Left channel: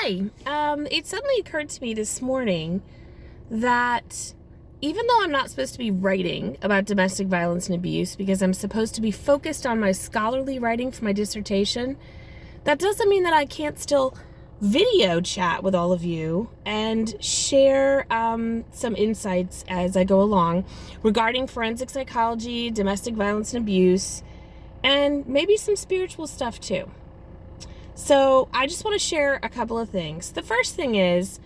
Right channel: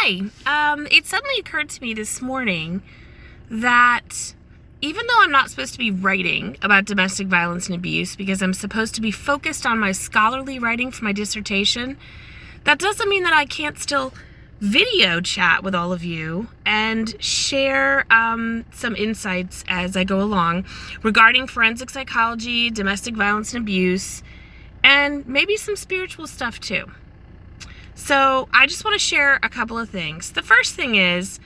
Hi. It suddenly occurred to me this morning that even though I'm not supposed to be writing about domestic violence and abuse because I'm supposed to be focused on my scholarly writing for my dissertation, that doesn't mean that I can't still video chat with all of you and share some insights as I go along regarding forensic psychology, domestic violence and abuse, and maybe some spiritual stuff too. So I just want to share a couple of things. The first thing is,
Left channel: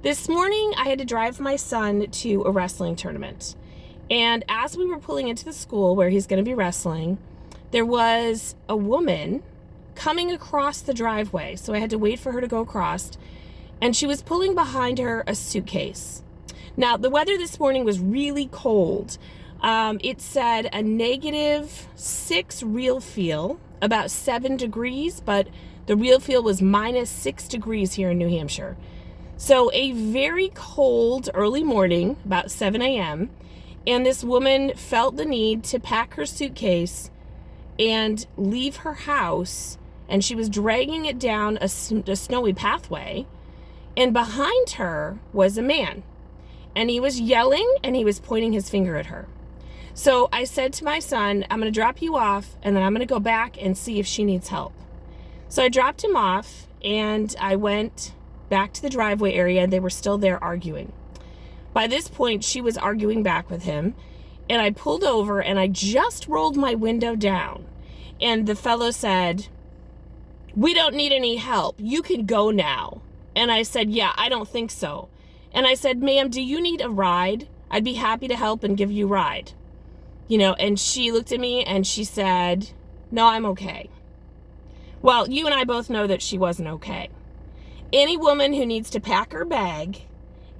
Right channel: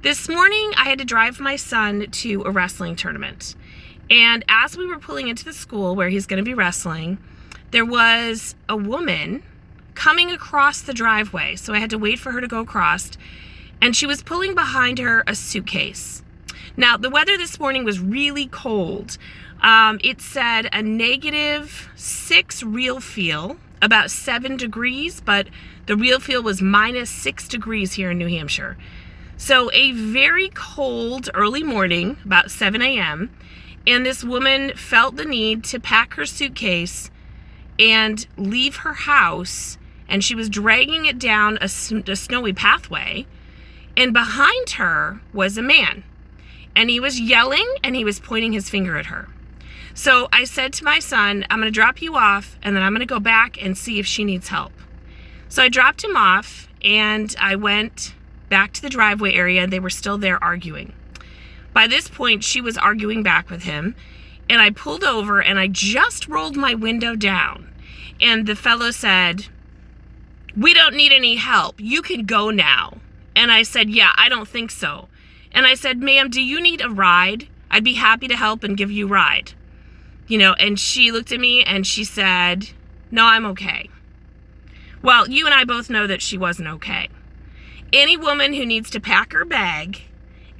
this morning I had to drive my son to a wrestling tournament. And as we were pulling into the school where he's going to be wrestling, there was a woman coming across the driveway. So I had to wait for her to go across. And she was pulling behind her a suitcase. Now, the weather this morning was really cold. It said a -6 real feel, about 7 degrees, but the real feel was -6 degrees here in New Hampshire. So a very cold early morning, about 7 a.m., and this woman felt the need to pack her suitcase and leave her house, and she was dragging it down a snowy pathway, and behind her was a man, and he was yelling and he was pointing his finger at her. So I said to my son, I'm going to drop you off, and then I'm going to go back and see if she needs help. So I dropped him off, and I went back to the driveway area, and they were still there arguing. By this point, she was arguing back with him, and I pulled over, and I just rolled my window down, and the fellow said, "We don't need any help. You can go now." And I said, "Yeah, I don't think so." And I said, "Ma'am, do you need a ride? I'd be happy to help and give you a ride." And she looked at me and she said, "No, I'm okay." Well, you and I both know that she wasn't okay. Any woman who needs to pack her bag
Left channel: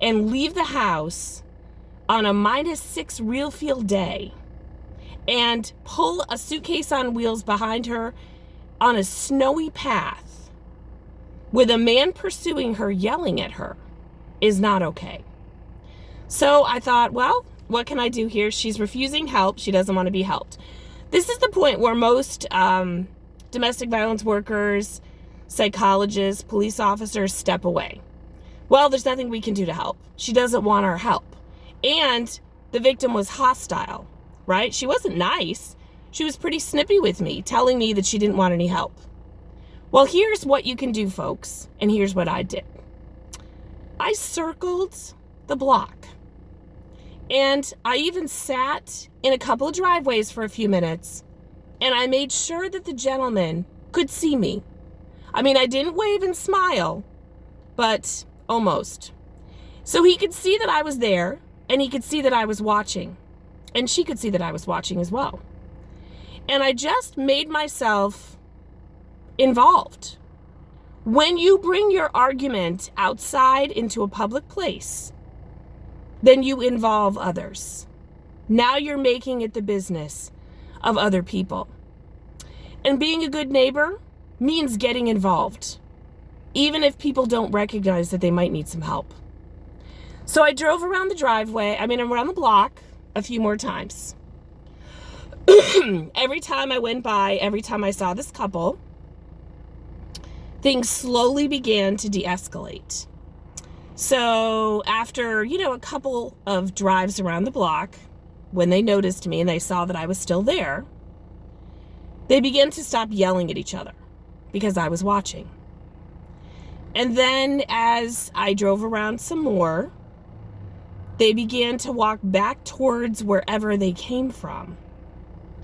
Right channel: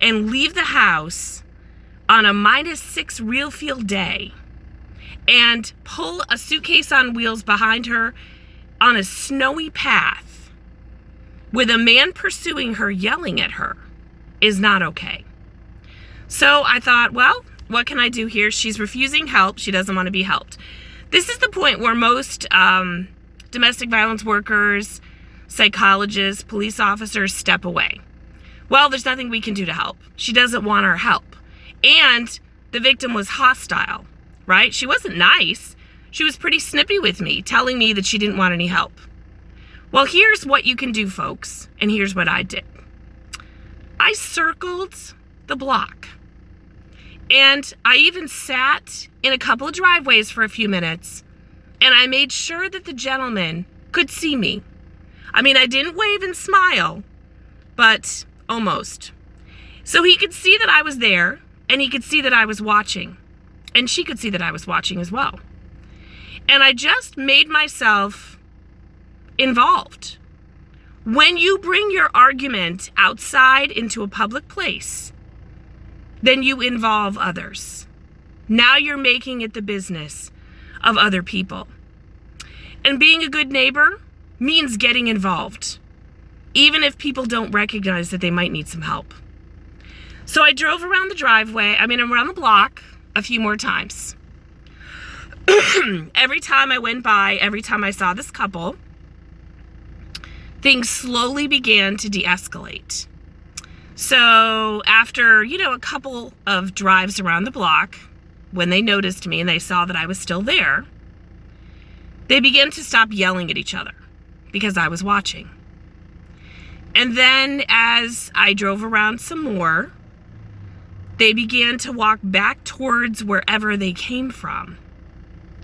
and leave the house on a -6 real feel day and pull a suitcase on wheels behind her on a snowy path with a man pursuing her, yelling at her, is not okay. So I thought, well, what can I do here? She's refusing help. She doesn't want to be helped. This is the point where most domestic violence workers, psychologists, police officers step away. Well, there's nothing we can do to help. She doesn't want our help. And the victim was hostile, right? She wasn't nice. She was pretty snippy with me, telling me that she didn't want any help. Well, here's what you can do, folks. And here's what I did. I circled the block. And I even sat in a couple of driveways for a few minutes, and I made sure that the gentleman could see me. I mean, I didn't wave and smile, but almost. So he could see that I was there, and he could see that I was watching, and she could see that I was watching as well. And I just made myself involved. When you bring your argument outside into a public place, then you involve others. Now you're making it the business of other people. And being a good neighbor means getting involved, even if people don't recognize that they might need some help. So I drove around around the block a few more times. Every time I went by, every time I saw this couple, things slowly began to de-escalate. So after, a couple of drives around the block, when they noticed me and they saw that I was still there, they began to stop yelling at each other because I was watching. And then as I drove around some more, they began to walk back towards wherever they came from.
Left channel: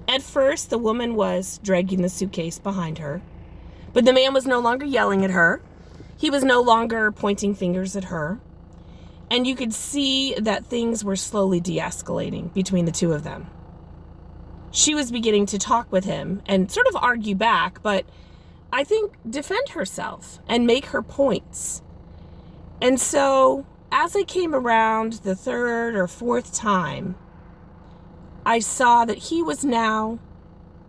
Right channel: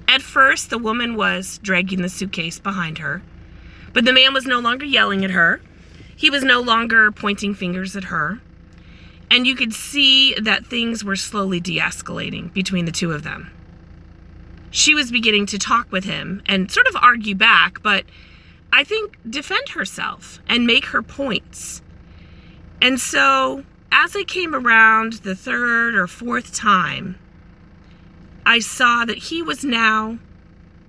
At first, the woman was dragging the suitcase behind her, but the man was no longer yelling at her. He was no longer pointing fingers at her. And you could see that things were slowly de-escalating between the two of them. She was beginning to talk with him and sort of argue back, but I think defend herself and make her points. And so as I came around the third or fourth time, I saw that he was now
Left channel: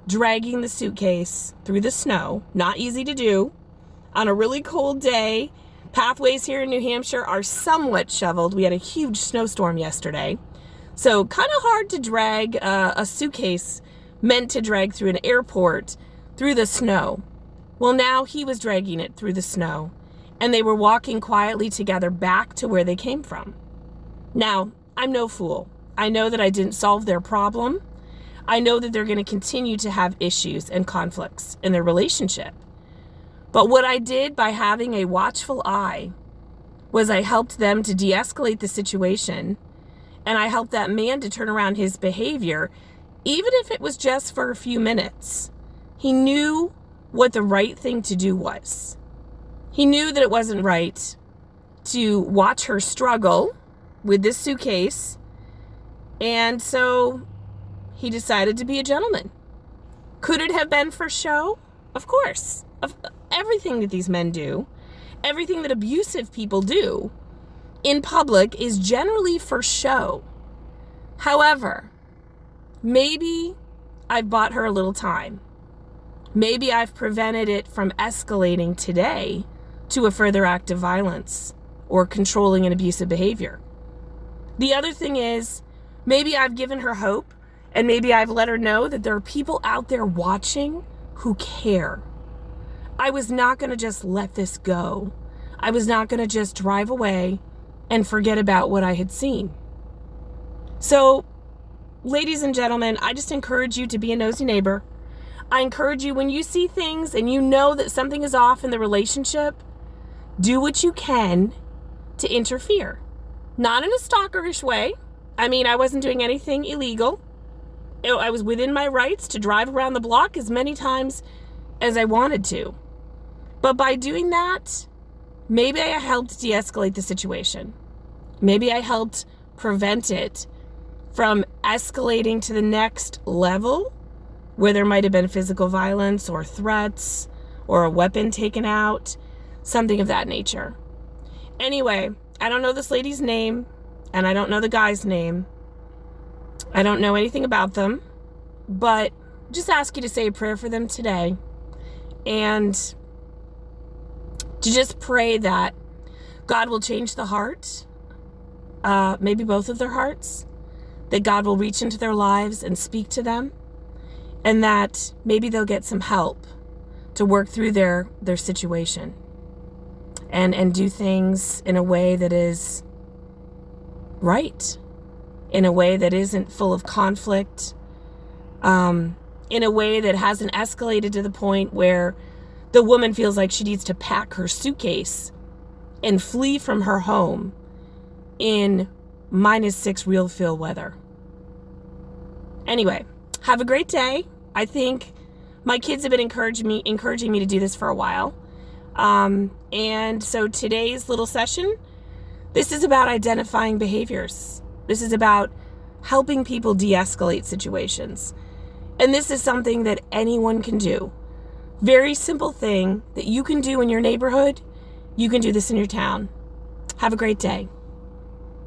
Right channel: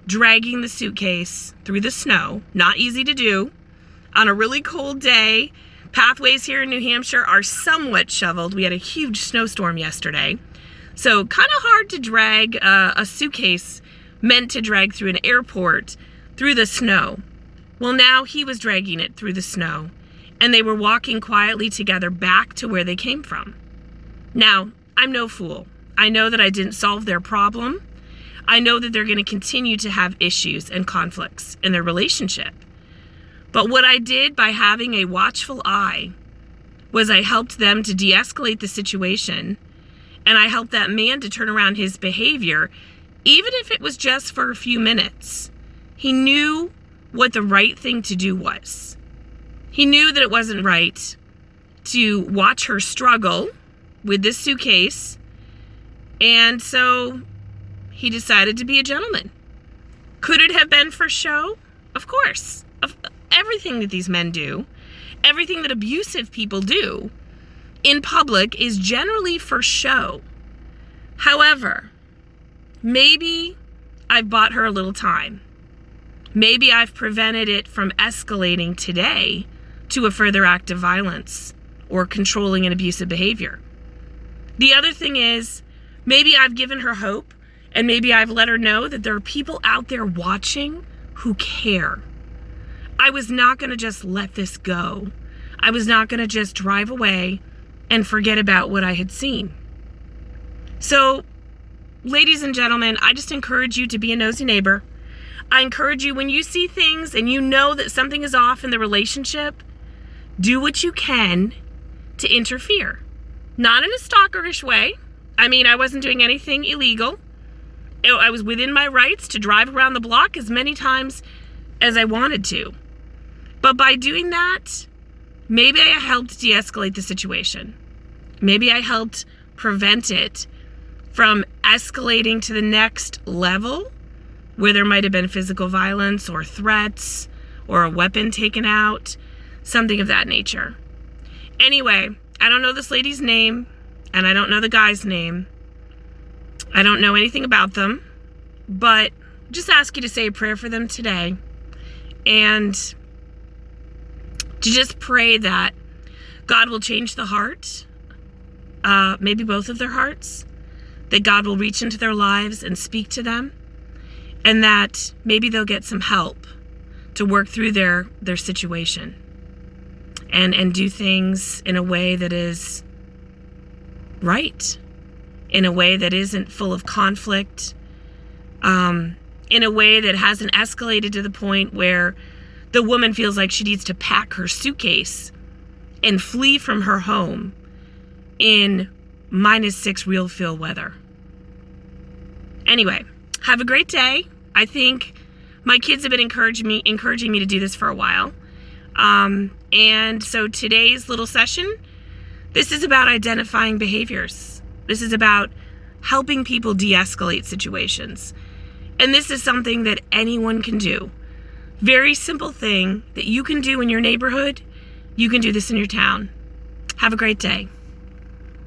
dragging the suitcase through the snow. Not easy to do on a really cold day. Pathways here in New Hampshire are somewhat shoveled. We had a huge snowstorm yesterday. So kind of hard to drag a suitcase meant to drag through an airport through the snow. Well, now he was dragging it through the snow, and they were walking quietly together back to where they came from. Now, I'm no fool. I know that I didn't solve their problem. I know that they're going to continue to have issues and conflicts in their relationship. But what I did by having a watchful eye was I helped them to de-escalate the situation, and I helped that man to turn around his behavior, even if it was just for a few minutes. He knew what the right thing to do was. He knew that it wasn't right to watch her struggle with this suitcase, and so he decided to be a gentleman. Could it have been for show? Of course. Everything that these men do, everything that abusive people do in public is generally for show. However, maybe I've bought her a little time. Maybe I've prevented it from escalating today to a further act of violence or controlling and abusive behavior. The other thing is, maybe I've given her hope, and maybe I've let her know that there are people out there watching who care. I was not going to just let this go. I was not going to just drive away and forget about what I had seen. So, ladies and gentlemen, I just encourage you to be a nosy neighbor. I encourage you, when you see things and you know that something is off in the relationship, do what you can to interfere. Not in a stalkerish way. I mean, I wasn't doing anything illegal. I was within my rights to drive around the block as many times as I wanted to. But by doing that, maybe I helped de-escalate the situation. Maybe I helped prevent it from escalating to the next level, where there might have been physical violence or threats or a weapon taken out, something of that nature. Anyway, I don't know this lady's name, and I don't know the guy's name. I don't know anything about them, but just ask you to say a prayer for them today, and to just pray that God will change the heart, maybe both of their hearts, that God will reach into their lives and speak to them, and that maybe they'll get some help to work through their situation and do things in a way that is right, in a way that isn't full of conflict, in a way that hasn't escalated to the point where the woman feels like she needs to pack her suitcase and flee from her home in -6 real feel weather. Anyway, have a great day. I think my kids have been encouraging me to do this for a while. And so today's little session, this is about identifying behaviors. This is about helping people de-escalate situations. And this is something that anyone can do. Very simple thing that you can do in your neighborhood. You can do this in your town. Have a great day.